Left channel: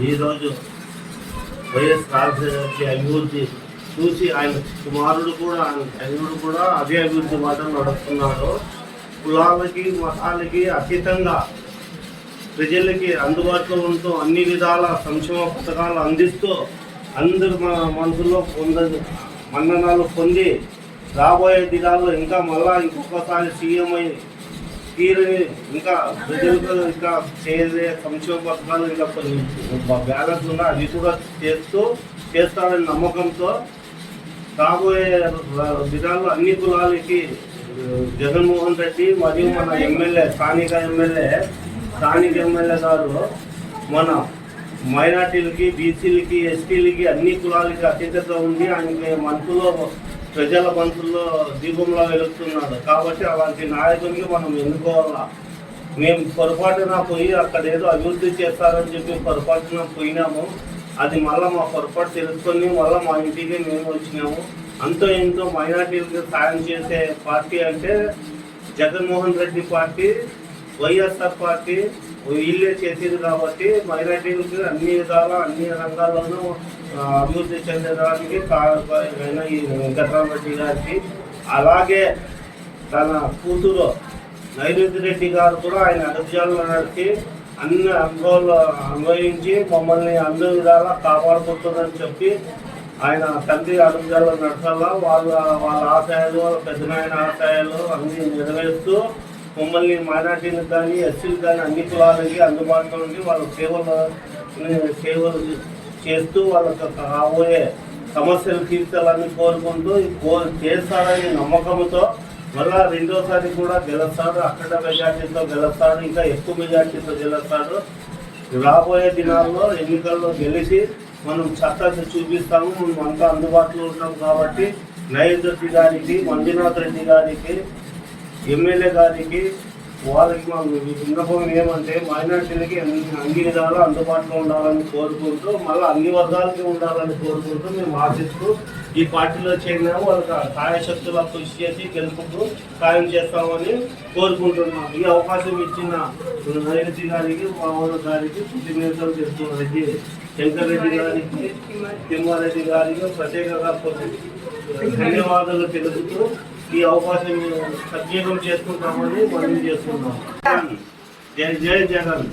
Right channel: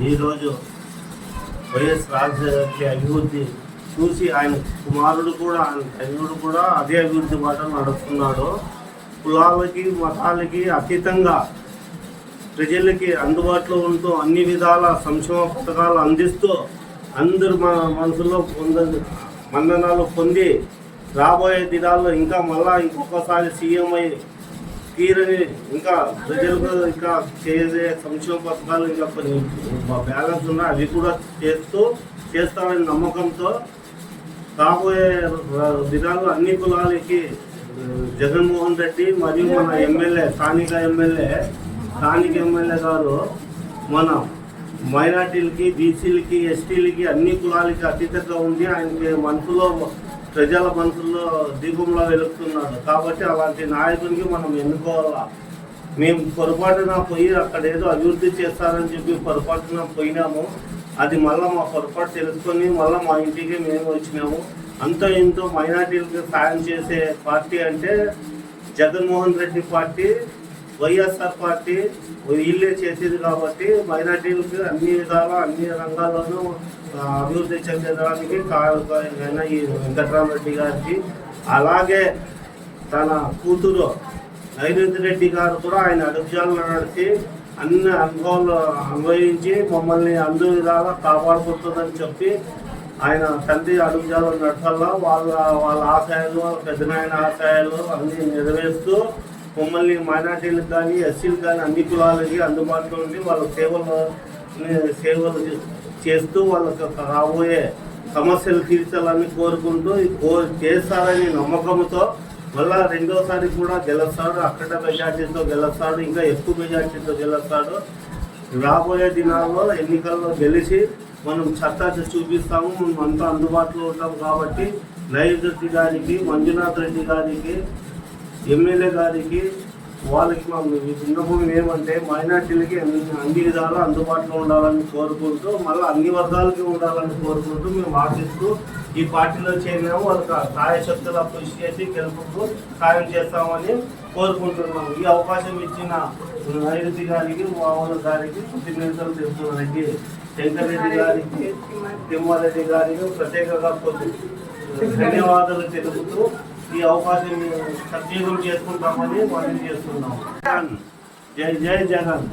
ఈరోజు వైఎస్ రాజశేఖర అభివృద్ధి చూసి ఆయన కుమారుడు కూడా ఆయన తల్లుడు కూడా అదే అభివృద్ధి బాటలు నడుస్తున్నాడు. కులాలకి మతాలకి అతీతంగా ప్రజలకి అందుబాటులో ఉంటూ అన్ని విధాల సంక్షేమ పథకాలు అందిస్తూ అందరు మనసులో మన్ననాలు పొంది రాబోయే దినాల్లో ఇంకా మళ్ళా ఇంకొకసారి సీఎం అయి తీరని ఇంకా ప్రజలకు ఇంకా చేసే సంక్షేమ పథకాలు ఇంకా కొన్ని బ్యాలెన్స్ ఉన్నాయి, అవి కూడా చేస్తారని నమ్మకంతో రాబోయే దినాల్లో అన్ని కులాలకి జగన్మోహన్ రెడ్డి మరియు మన ఎమ్మెల్యే స్థానిక ఎమ్మెల్యే గారు మన మైనార్టీలకి, బీసీలకి, ఎస్టీలకి అన్ని కులాలకి అతీతంగా ఉంది. ఆయనకి మనసులో ప్రజల మనసుల్లో దీపంలో వెలుగుతున్నాడు. కాబట్టి అలాంటి నాయకుడికి మనం ఎన్నుకోవాలా. మేము పొరపాటున పోయి అక్కడ ఏదో అభివృద్ధి చేస్తారని చెప్పి పొరపాటున పోయినాము. అది మళ్ళీ మా పొరపాటు తెలుసుకొని మళ్ళీ మా ఇంటికి మేము వచ్చినాము. అంతో ఇంతో మైనార్టీలకు సాయం చేసే పార్టీ అంటే జగన్మోహన్ రెడ్డి పార్టీ, వైఎస్ఆర్ పార్టీ వీళ్ళే చేసేది. కాబట్టి మైనార్టీలకి అన్ని విధాలు అన్ని రంగాల్లోనూ అభివృద్ధి చెందడానికి ఈ వెంకటరామరెడ్డి గారికి, అలాగే తన కూతురు నైరుతి రెడ్డి గారు కూడా ఆయన అడుగుజాలను నడిచి అన్ని అనుభవాలు అన్వయించి మమ్మల్ని అన్ని విధాలా కాపాడుకుంటుందని చెప్పి ఆయన తండ్రి అడుగుజాలను నడచాల వాళ్ళ ఆశయాలు, వాళ్ళ పెద్దనాయన ఆశయాలు అన్ని నెరవేరుస్తూ మమ్మల్ని మైనార్టీలకు కానీ, ఎస్సీలకు కానీ అన్ని కులాలకి అందుబాటులో ఉండి వాళ్ళ సేవలు చేస్తూ వాళ్ళకి రాబోయే సమస్యలు తీర్చాలని కోరుకుంటూ చేస్తారని నమ్మకంతో మళ్ళా రెండోసారి కూడా గెలుస్తాడు. అక్కడ మెజార్టీతో గెలుస్తాడు, ఇంకా ఎక్కువ మెజార్టీతో గెలుస్తాడు. రాబోయే దినాల్లో ఎన్నికల్లో గెలిచి మనం చట్టా చూపిస్తాము. మనం అంతా అందుబాటులో ఉంటాం. కాబట్టి నైరుతి రెడ్డి గారికి, మంజునాథ్ రెడ్డి గారికి, ఎమ్మెల్యే గారికి వాళ్ళకి విన్నపం ఏమంటే మైనార్టీలకి అన్ని విధాలు అందుబాటులో ఉండాలని కోరుకుంటూ మళ్ళీ అన్ని వర్గాలకి ఉండాలని కోరుకుంటూ మేము ఆశిస్తూ ఈ పార్టీలో చేరినాము. వాళ్ళకి సాయశక్తుల కృషి చేసి గెలుపుకు సాయం చేస్తామని కోరుకుంటున్నాం. ఈ అవకాశం ఇచ్చిన నైరుతి గారికి, మామూలు గారికి కృతజ్ఞతలు తెలుపుతున్న రెడ్డి శంకర్రెడ్డి గారికి, తిమ్మారెడ్డి గారికి ప్రత్యేకంగా ధన్యవాదాలు తెలుపుతూ ఈ అవకాశం సద్వినియోగం చేసుకుంటామని మనం చేస్తున్నాం. జై జై జగన్.